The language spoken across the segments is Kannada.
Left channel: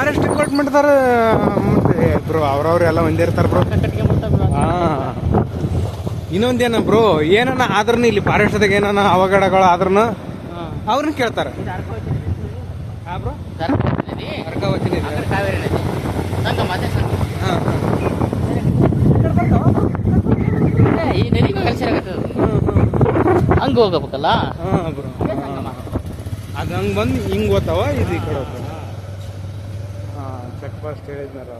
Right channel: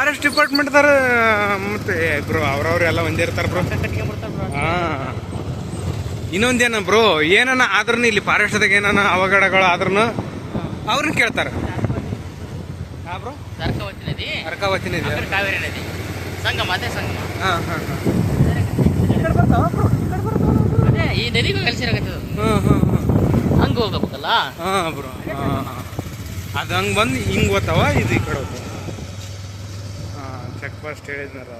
ಫಾರೆಸ್ಟ್ ಡಿಪಾರ್ಟ್ಮೆಂಟ್ದಾರ ಮತ್ತೆ ಬ್ರೋ ಅವ್ರವ್ರೆಲ್ಲ ಒಂದೇ ಇರ್ತಾರ ಬ್ರೋ. ಹಾ, ಇನ್ನೊಂದೇನ ಬ್ರೋ, ಏನನ ಆದ್ರೂ ಇಲ್ಲಿ ಫಾರೆಸ್ಟ್ದಾಗ ಏನನ ಅವಘಡಗಳು ಆದ್ರೂ ಅವ್ರನ್ನ ಕೇಳ್ತಾರ. ಅರ್ಕಾವತಿ ನದಿ, ಕಾವೇರಿ ನದಿ ಸಂಗಮ, ಅದೇ ಸಂಗಮ. ಹಾಂ ಹಾಂ, ಈ ನದಿಗೆ ಕಲ್ಸಿರಾಗತ್ತೆ. ಹಂಗೆ ಹೋಗಬೇಕಲ್ಲ. ಹಾಂ ಬ್ರೋ, ಅದು ಹಂಗೆ ಬಂದು ಹಿಂಗೆ ಓದ್ತಾವ, ಇದು ಈ ಕಡೆ ಹೋಗ್ತಾವ. ಹಾಂ, ಚೆಕ್ ಫಾಸ್ಟ್ ಹೇಳಿದ್ನಾರ.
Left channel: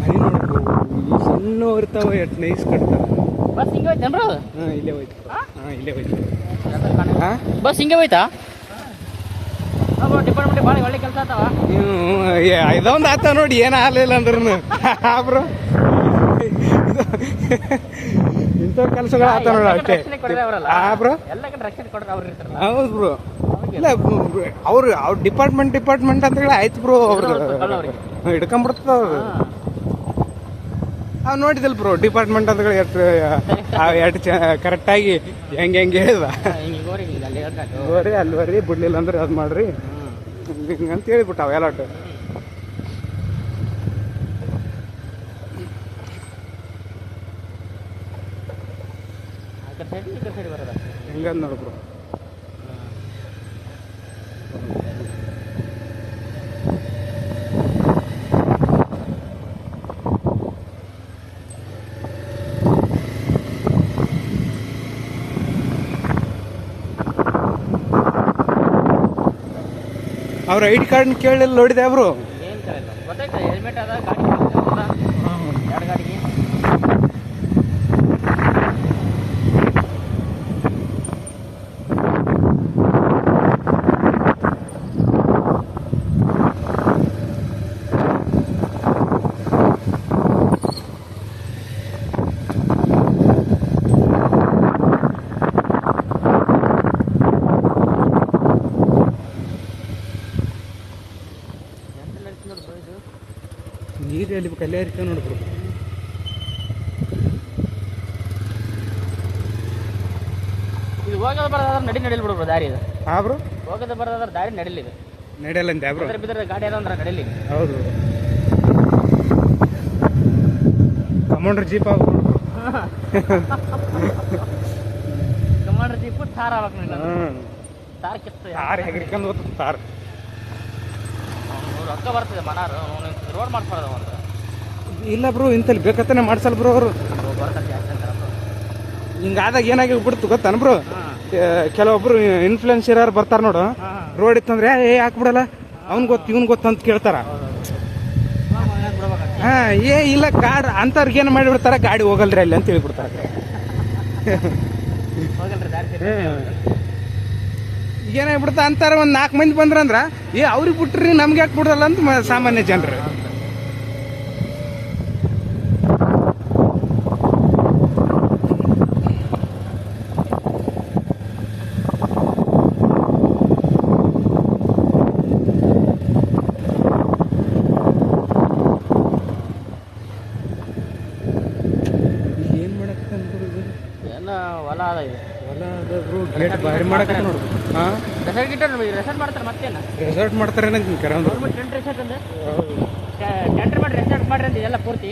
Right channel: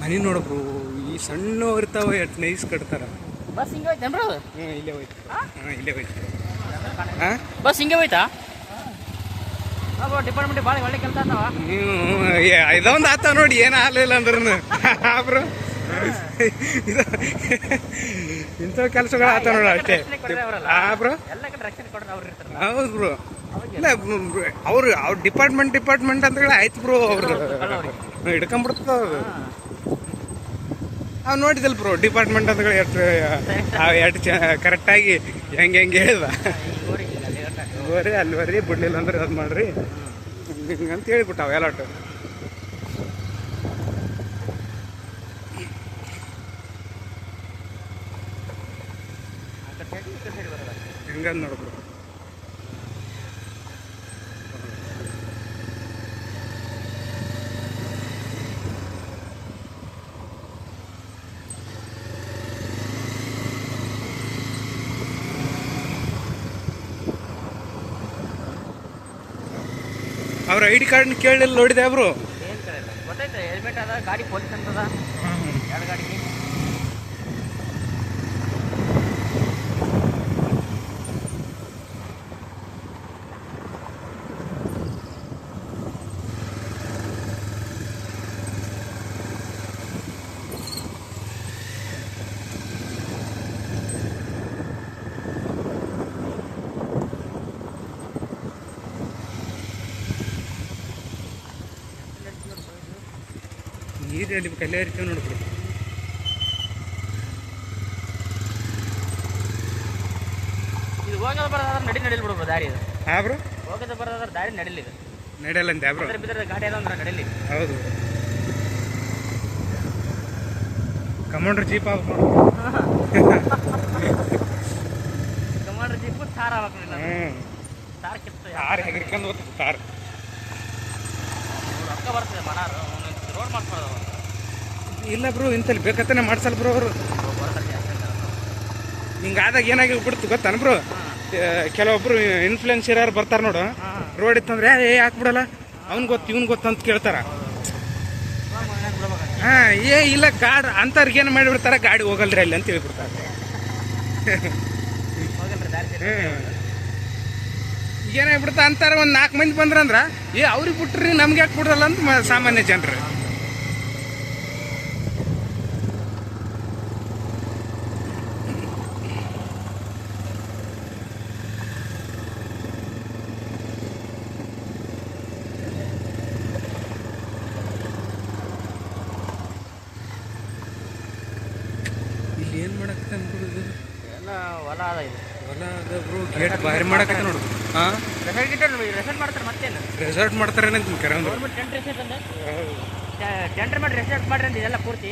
ಮನೆ ನೋಡಬ್ರು, ಈ ಸಣ್ಣ ಇರ್ತಾವ, ಎಷ್ಟು ನೈಸ್ ಕಟ್ತಾರೆ. ಬಸ್ ಹಿಂಗೆ ಹೋಯ್ತೇನ್ರು? ಹಾಂ, ಇಲ್ಲೇ ಹೋಯ್ತು. ಹಾಂ, ಇಲ್ಲೇ ಹೋಯ್ತು. ಹಾಂ, ಬಸ್ ಹಿಂಗೆ ಹೋಯ್ತಾ? ಡಿಪಾರ್ಟ್ಮೆಂಟ್ ಭಾಳ ಒಳ್ಳೆ ಕೆಲಸ ಆಗ್ತಾವ. ನೀವು ಇದೊಂದು ಆತ ನೋಡಿ, ಏನು ಆಗಲಿಲ್ಲ ಅಂದ್ರೂ ಬ್ರೋ. ಇಂಥ ಕೆಲಸಗಳು ಆತ ನೋಡಿ ಅಷ್ಟೇ. ಹಾಂ ಬ್ರೋ, ಎಲ್ಲ ಕಡೆ ರಕ್ಷಣೆ ಕೊಡ್ರಿ ಅವ್ರು ಇರ್ತಾರೆ. ಹೌದು ಬ್ರೋ. ಇಲ್ಲ ಅವ್ರ ಡಿಪಾರ್ಟ್ಮೆಂಟ್ ಅಂತ ಹೇಳಿ ಆಯ್ತು ಬ್ರೋ, ಅವ್ರು ಹಿಡ್ಕೊಂಡ್ಬಿಡ್ತದ ಅವ್ರು. ನಾವು ನೋಡಿದಲ್ ಬ್ರೋ, ಡಿಪಾರ್ಟ್ಮೆಂಟ್ ಅಂತ ಹೇಳಿ ಎಷ್ಟು ಕರೆಕ್ಟಾಗಿ ಹೆಂಗೆ ಹೇಳಿದ. ಬರ್ರಿ ಅಲ್ಲಿ ಬರ್ರಿ, ಬಿಡ್ಲಿಲ್ಲ ಅಂದ್ರೆ ಅದು ಮಾಡ್ರಿ ಹಿಂಗಂತ ಹೇಳಿಬಿಟ್ಟಾವ ಎಲ್ಲಾಟು. ಹೆಂಗಂದ್ ನೋಡ್ಬ್ರು. ಅವ್ರ ಐ ಡಿ ಕಾರ್ಡ್ ಕೇಳಲಿಲ್ಲ ನೋಡಿದೆ ಬ್ರೋ. ಗೊತ್ತಾಯ್ತು, ಹೆಲ್ಮೆಟ್ ಅದ, ಗಾಡಿ ಎರಡು ಗಾಡಿಗೆ. ನೀರಲ್ಲಿ ಕಲ್ಯಾಣ ಇರ್ತೇವೆ ನೋಡ್ಬಿಡು. ಇದು ಹೋಗೋದು ಬರೋದಾದ್ರೆ ನಡಿಲ್ ಬಿಡ್ಬೋದು ದಾರಿ ಇದು. ಹಾಂ ಬ್ರೋ, ಹೋಗೋದು ಬರೋದಾದ್ರೆ ದಾರಿ ನಡಿಲಿದೆ. ನಡೆಯಲ್ಲ ಅಂತ ಬ್ರೋ. ಬಿದ್ದರೆ ಗಾಡಿ ಅದ ಅಂದ್ರೆ ನಡಿಲಿ. ಹೌದು, ಕಮಾಂಡರ್ ಜೀಪ್ ಆಗ್ಬೇಕು. ಕಮಾಂಡರ್ ಜೀಪ್ ಕಾರ್ ಆಗ್ಬೇಕು. ಕಾರ್ ಕಿತ್ತು ಹಿಡ್ಕೊಂಡು ಹೋಗ್ತದೆ ಕಾರ್. ರೊಕ್ಕ ಬರ್ತದೆ ಮನಾರು ರೋಡ್ ಮಾಡ್ಕೊಳ್ಳೋದು. ಇಲ್ಲ ಬ್ರೋ, ಇಂತಲ್ಲಿ ಬೇಕಂತಾನೆ ಮಾಡ್ಸಲ್ಲ ಬ್ರೋ ಅವರು. ಹಿಂಗಾದಾಗ ಏನಾಗಿ ಬಿಡ್ತು ಗೊತ್ತಾನ ಬ್ರೋ, ಕೆಲವೊಬ್ರು ಇನ್ಫ್ಲುಯೆನ್ಸರ್ ಯಾರು ಬರ್ತಾರೆ ನೋಡು, ರೋಡ್ ಇತ್ತಂದ್ರೆ ಹಾಕ್ಬಿಡಲ್ಲ, ಅವ್ನು ಗೊತ್ತು ಇವ್ನು ಗೊತ್ತು ಅಂತ ಕೇಳ್ತಾರ. ಹಾಂ, ಇಲ್ಲ ಗಾಡಿ ಅಂಥವ್ರಿಗೆ ಏನು ಮಾಡಿಬಿಡ್ತಾರ, ಗಾಡಿ ಹೋಗಲ್ರಿ ಅಲ್ಲಿ ಅಂತ ಹೇಳ್ಬಿಡ್ತಾರ. ಏನಾಗ್ಬಿಡ್ತಾ ಅಂತಾರ, ಒಂದು 4 ಮಂದಿ ಬಂದ್ರಂದ್ರ ಅವ್ರಿಗೆ ಬಿಟ್ರಿ ನಮ್ಗೆ ಯಾಕೆ ಬಿಡ್ರಲ್ಲ ಅಂತ ಸಾಮಾನ್ಯ ಜನರು. ಏನು ಮಾಡಕ್ಕೆ ಅನ್ಬಿಡುದು, ಎಲ್ಲ ಹೊಲ ಅದ ಇದು. ಹೊಲ ಅದ ಬ್ರೋ, ಗೇಟ್ ಭಾರಿ ಮಾಡಕ್ಕೆ ನೋಡು. ಹಾಂ, ರೆಸಾರ್ಟ್ ಮಾಡ್ತಾರೆ, ಮತ್ತೇನು ರೆಸಾರ್ಟ್ ಮಾಡ್ತಾರೆ ನಂಗೆ ಕರೆ ಅಂದ್ರೆ. ಟೆಂಟ್ ರೆಸಾರ್ಟ್ ಅಂದ ಟೆಂಟರ್ ಮಾಡಿ ರೆಸಾರ್ಟ್ ಮಾಡ್ರಿ ಅಂತ ಇದೆಲ್ಲ ಪೂರ್ತಿ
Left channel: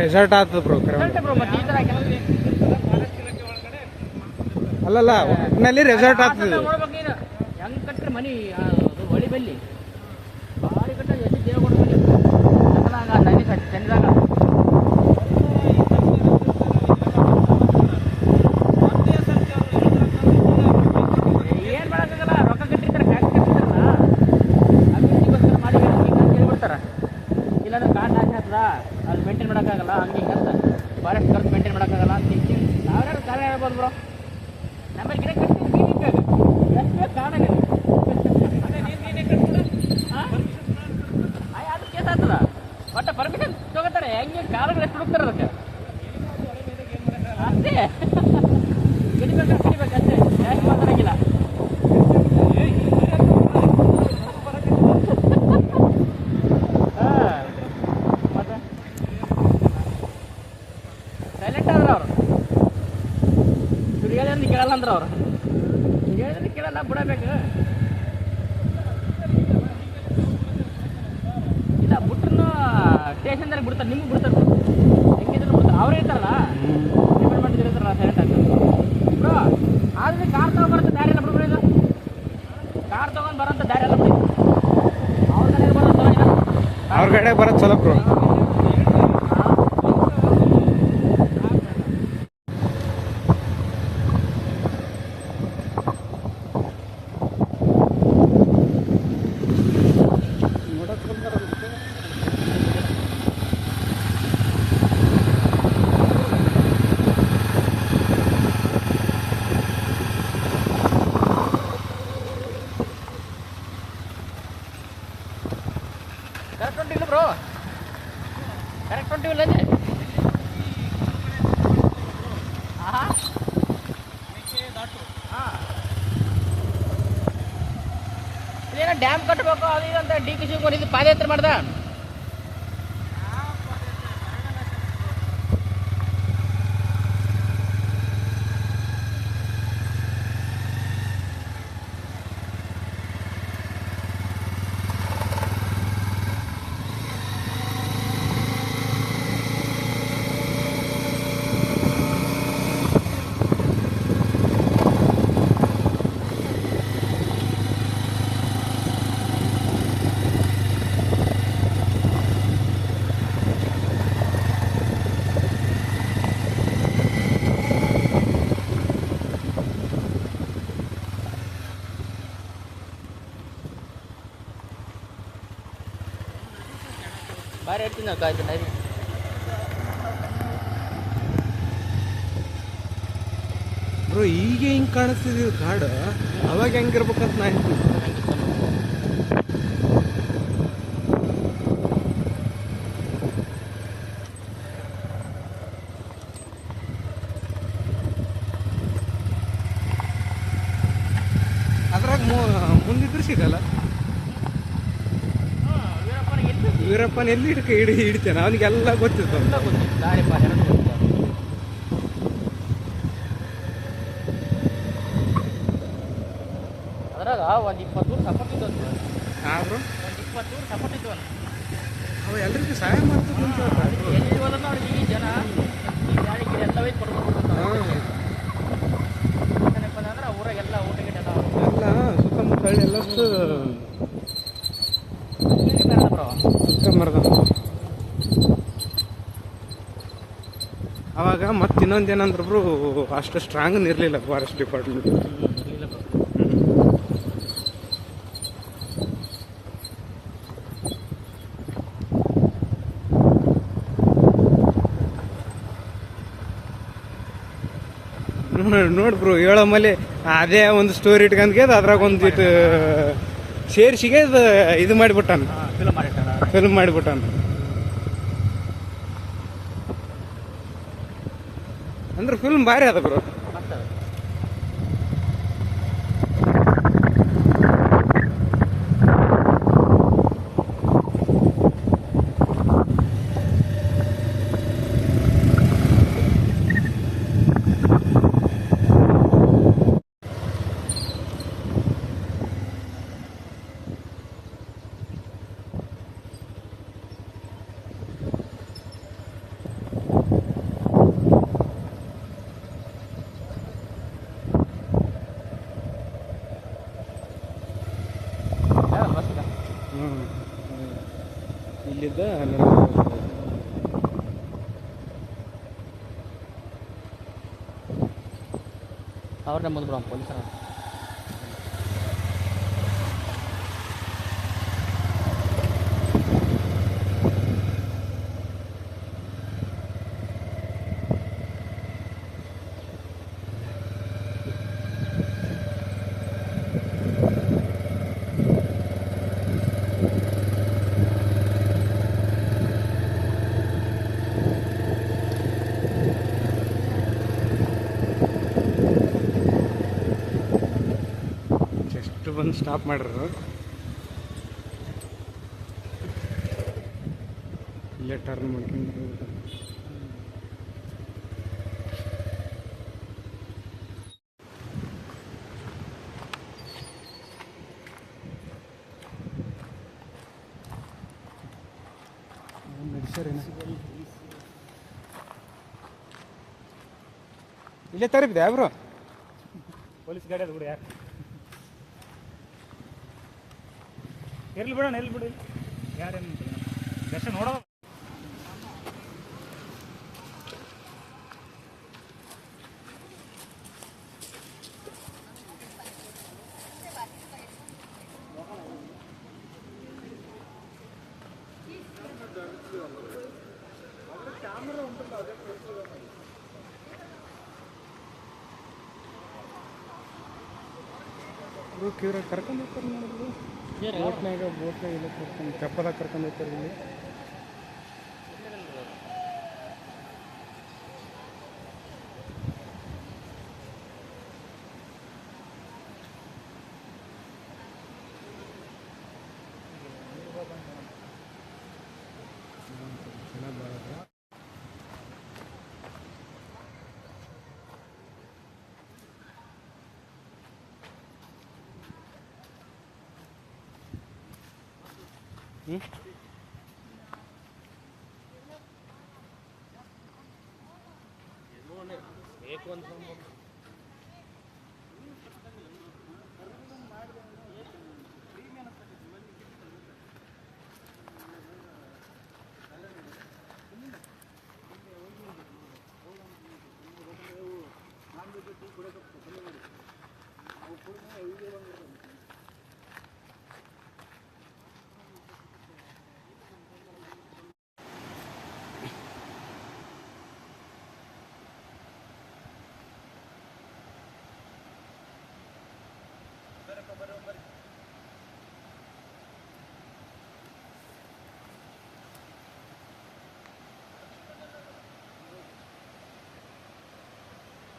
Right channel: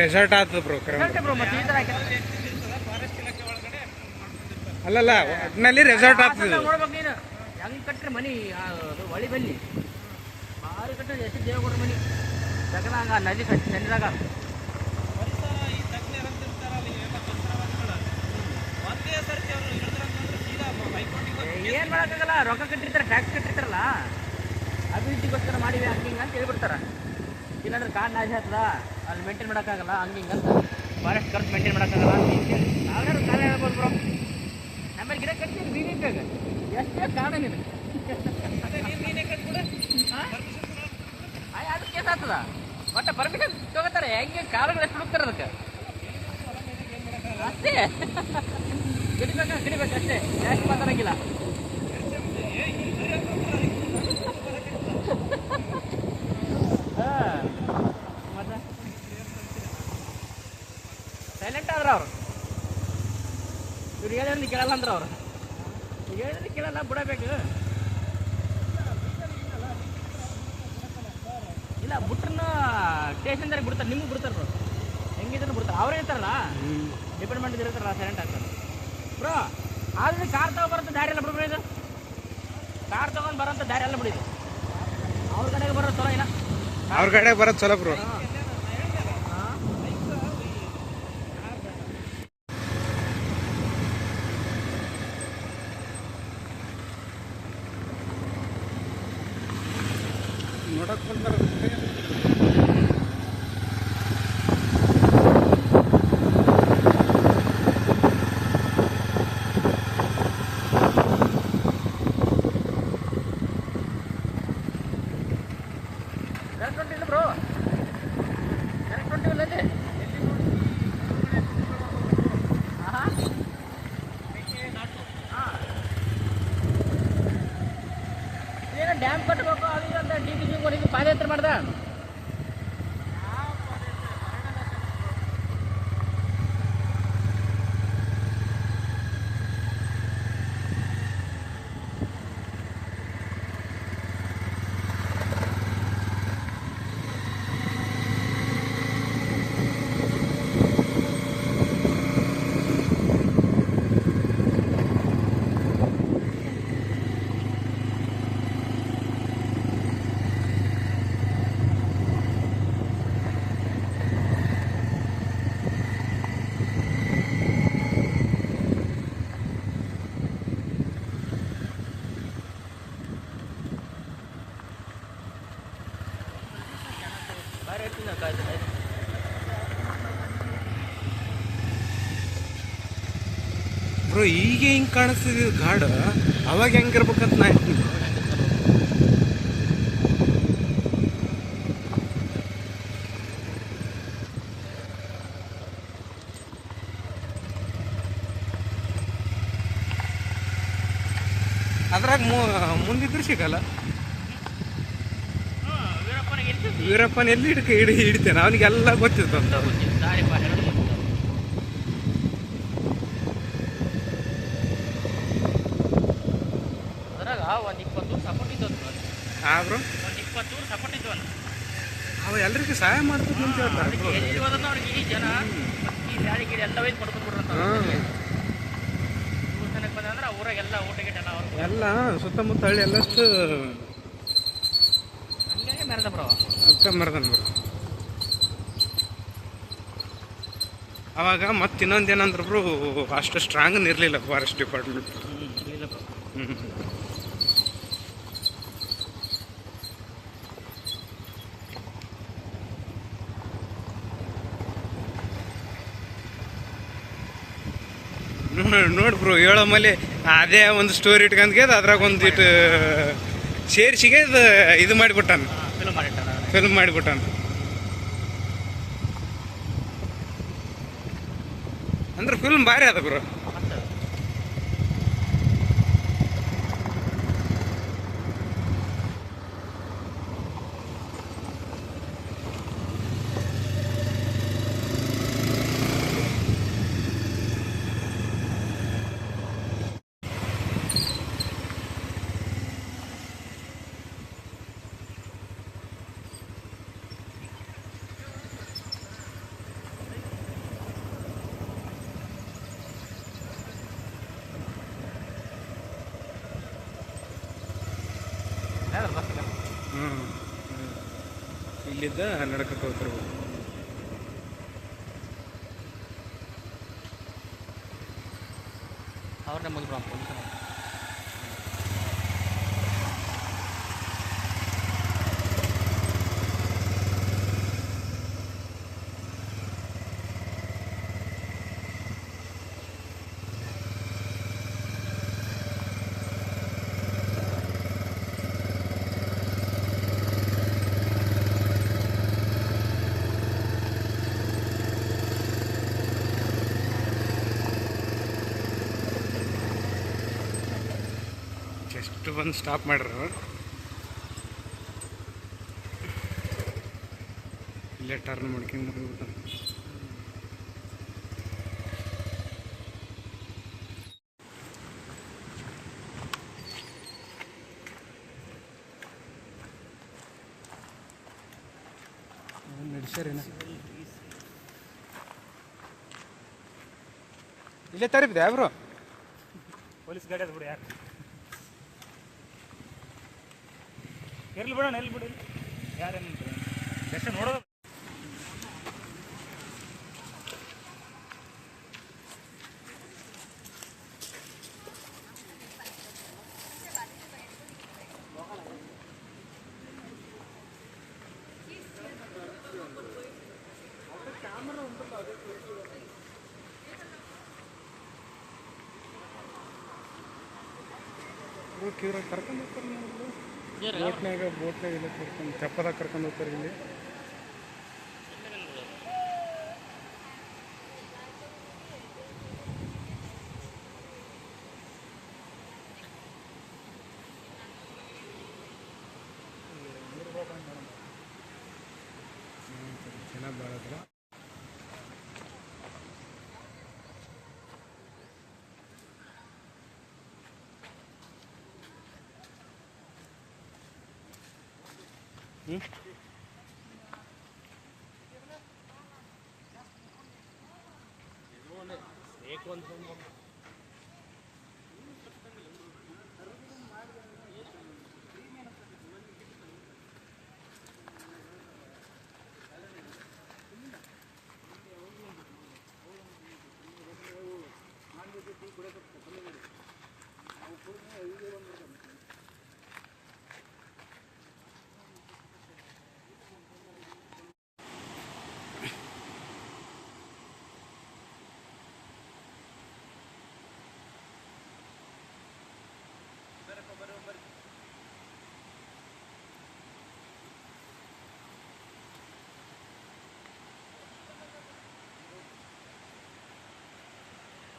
ರೆಸಾರ್ಟ್ ಆಗ್ತದೆ ಬ್ರೋ ಕರೆ ಅಂದ್ರೆ. ಬ್ರೋ. ಮತ್ತೆ ಈ ಥರ ಅಲ್ಲಲ್ಲ, ಒಟ್ಟಿನಲ್ಲಿ ರೆಸಾರ್ಟ್ ಆಗ್ತದೆ. ನೋಡ್ಬೇಕು ನೀನು ಹೆಂಗೆ ಕಟ್ಟ್ರೆ ಮನಿ ಅದು ಹೊಳಿ ಬಲ್ಲಿ ಭಾರಿ ಕಟ್ಟ ಎಷ್ಟು ಜೀವ ಕೊಡ್ತೀನಿ ನದಿ ಕಟ್ಟಿ ಚಂದಾಗ. ಏನು ಮಾಡೋಕ್ಕಾಗಲ್ಲ, ರೊಕ್ಕ ಕಟ್ಟಿರ್ತಾರೆ, ಟ್ಯಾಕ್ಸ್ ಕಟ್ಟಿರ್ತಾರಲ್ಲ, ಅಭಿವೃದ್ಧಿಗೋಸ್ಕರ ಮಾಡಿ ಹಿಂಗೆ ಅಂತ ಹೇಳ್ಬಿಡ್ತಾರೆ. ಇಲ್ಲಾಂದ್ರೆ ಕಾರ್ ನಾಶ ಆಗ್ತದ, ಅಲ್ಲಿ ಮೇಂಟೈನ್ ಮಾಡೋಕ್ಕಾಗಲ್ಲ, ಹಂಗೆ ಹಿಂಗೆ ಅಂತ ಫಾರೆಸ್ಟ್ ಖರ್ಚು ಮೇಂಟೈನ್ ಮಾಡೋಕ್ಕಾಗಲ್ಲ ಅಂತ ನಾವ್ಯಾರು ಕಾರ್ಯ ಹೇಳ್ಬೋದು ಬ್ರೋ. ನಮ್ಮಲ್ಲಿ ಗಿಡ ಕಟ್ತೀವಿ ನೀರಿಗೆ ಎಷ್ಟೇ ಕಾಣಾಗಿದೆ ಅದು ಕೇಸ್ ಆಗ್ತಲ್ಲ, ಮತ್ತೆ ಪರ್ಮಿಷನ್ ತಗೋತಾರೆ. ಹೆಂಗೆ ಕಾಲುಗಳು ಎಷ್ಟು ಹುಡುಕ್ತಾರೆ ಅದಕ್ಕೆ ಅಷ್ಟೇ ಕಡಿಬೇಕು ಅಷ್ಟೇ, ಜಾಸ್ತಿ ಮಾತಾಡಂಗಿಲ್ಲ. ಹೇಳಿದ್ರೆ ಕೇಳಲ್ಲ ಅಂದ್ರೆ ಅವ್ರು ಹೇಳಿದ್ರೆ ಕೇಳಲ್ಲ ಬಿಡಬೇಕು. ಇಲ್ಲ ಬಿಟ್ರು ಸ್ಟೇಷನ್ದಾಗ ಬಿಡ್ತಾರೆ, ನಿಮ್ಗೆ ಬಿಡ್ತಾರೆ, ಹೆಂಗಿದ್ರು ಬಿಡ್ತಾರೆ. ಅವ್ರು ಇರ್ತಾರಲ್ಲ ಡಿಪಾರ್ಟ್ಮೆಂಟ್ ಇರ್ತಾರಲ್ಲ ಸೈಲೆಂಟಾಗಿ ಬ್ರೋ. ಆದ್ರೆ ಕಾರ್ ತಗೊಂಡ್ಬರುತ್ತೆ ದಾರಿ ಎಲ್ಲ ಬಿಡ್ಬಿಡಿ, ಕಾರ್ ತಗೊಂಡು ಬರೋಂಥ ದಾರಿ ಎಲ್ಲ ಬಿಡಿ. ಅವ್ರ ಕಡೆಗೆ ಬರೋದು ಅವ್ರ ಕಡೆ ಬರೋದು ಚಲೋ ಬ್ರೋ. ನೋಡಕ್ ಬಂದಾರಂತೆ. ಕರೆಕ್ಟ್ ಹೊಂಟಿಲ್ಲ ಬ್ರೋ, ಕರೆಕ್ಟ್ ಹೊಂಟಿಲ್ಲ ಅಂದರೆ ಹಾಂ ಏನೋ ಡ್ಯಾಮ್ ಕಟ್ಟಬೇಕು ಅದು ಇದು ಅಂತ ಡಿ ಕೆ ಶಿವಕುಮಾರ್ ಇದು ಪಾದಯಾತ್ರೆ ಮಾಡ್ದ. ಬಾರಿ ಹೇಳ್ತೀನಿ ನಾವು ಕಾಯ್ತು ಟೈಮ್. ಬ್ರೋ ಈಗ ಹಿಂಗೆ ಕಾಣಿಸ್ತಿದ್ದು ಕಾಡು, ಅವಾಗ ಹೆಂಗಿರ್ಬೇಕಂತ ನಾ ಹೇಳ್ತೀನಿ. ಅದ್ರಾಗ ಮುಂದಿದ್ರು ಸಿಗಲ್ಲ. ವೀರಪ್ಪನ ಎಲ್ಲಿ ಹಿಡಿತೇನೆ, ಅವನಿಗೆಲ್ಲ ಗೊತ್ತಿತ್ತು ಅಂತ. ದಾರಿ ಪಾರ ಅದ್ರಾಗ ಒಂದು 20 ಊರು ಸಪೋರ್ಟ್ ಇದ್ದು ಬ್ರೋ ಒಂದು 20 ಊರು ಸಪೋರ್ಟ್ ಇದ್ದು ಅಂತ ಅವ ಎಲ್ರಿಗೂ ಸಹಾಯ ಮಾಡ್ತದೆ ಅಂತ ಹೇಳ್ತಾರೆ. ಎಲ್ಲಿ ಹೋದ್ರೆ ಅವ್ರಿಗೆ ಈ ಜನ ಈ ಗಾಡಿ ಗಿಡ ಎಲ್ಲ ಒಯ್ದು ಕೊಡ್ಕೊಂಡ್ಬಿಡ್ರಂತ. ಜನಕ್ಕೆ ಬಂದಂದ್ರೆ ಆ ಊರಾಗೆಲ್ಲ ಊಟ ಗಿಟ ಎಲ್ಲ ಸುತ್ತಮುತ್ತ ಹಳ್ಳಿ ಎಲ್ಲಷ್ಟು ಅರ್ಕಂಬರ್ದ. ಅವಾಗ ಮತ್ತೆ ಇನ್ನೊಂದೇನಂದ್ರೆ ಬ್ರೋ ಅಷ್ಟು ಸ್ಟ್ರಾಂಗ್ ಇರಲಿಲ್ಲ ಫಾರೆಸ್ಟ್ ಡಿಪಾರ್ಟ್ಮೆಂಟ್. ನೋಡಿ ಬ್ರೋ ಹೇಳೋ ಮೇಲೆ ಅದೇ ಒಂದು ಸ್ಟೋರಿ ಇಟ್ಕೊಂಡ್ಗೆ ಅದ್ರಾಗ ಒಂದಿಟ್ಟು ಸೇರಿಸಿಗೆ ಇದು ಮಾಡಿಬಿಟ್ಟಾನ, ಫಿಲ್ಮ್ ಮಾಡಿಬಿಟ್ಟಾನ. ಅಂದ್ರೆ ಫಿಲ್ಮ್ ಭಾರಿ ಅದ ಬ್ರೋ. ಇಲ್ಲಿದ್ದ ನಡ್ಕೊಂಡು ಹೋಗ್ತಾರೆ. ಅವ್ರನ್ನೇ ಬಂದ್ರು ಪೊಲೀಸರು. ಜಸ್ಟ್ ಬಂದು ಸ್ಟಾಪ್ ಮಾಡ್ರು. ಇಲ್ಲೇ ಟರ್ನ್ ಮಾಡ್ಕೊಂಡು ಹೋಗ್ಬಿಟ್ಟು ಹುಷಾರೇನ ಇಲ್ಲೇ ತರಿಬಿದೆ ಬ್ರೋ ಪೊಲೀಸ್ ಗಾಡಿ ಅದು ಬಿಡು ಯಾರು ಇರ್ಲಿ ಬಿಡೋಣ ಎಲ್ಲಿ ಬಿಡು ಯಾರೇನು ಎಷ್ಟು ನೋಡೋದು ಕ್ಯೂರಾಗಿ ಕರ್ಕೊಂಡು ಹೋಗ್ತಾರೆ ನೋಡಿದ್ರು ಬೋಟ್ನಾಗ ಇಲ್ಲ ಕರ್ಕೊಂಡು ಚಪ್ಪದಾಗ ಕರ್ಕೊಂಡು ಹೋಗ್ತಾರೆ ಇಲ್ಲಿ ಚೆನ್ನಾಗಿ ಬಾಳದ್ರ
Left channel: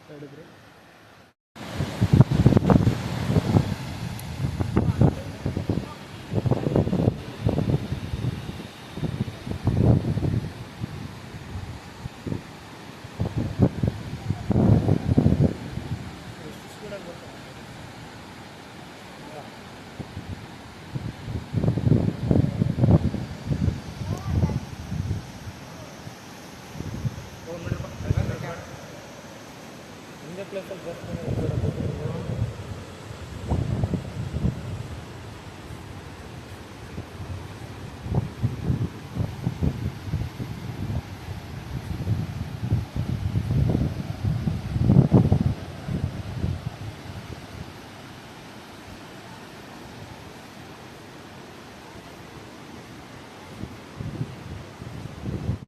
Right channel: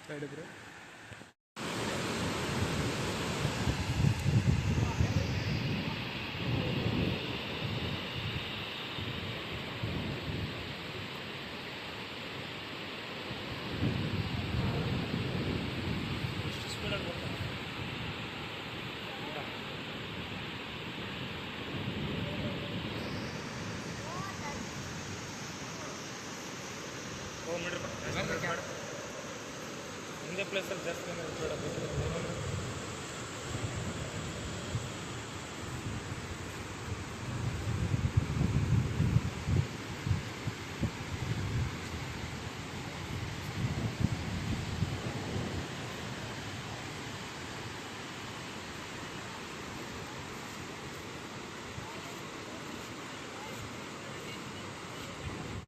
ಹೇಳಿದ್ರು ಪ್ಲೇಸಲ್ಲಿ ಜಾಸ್ತಿ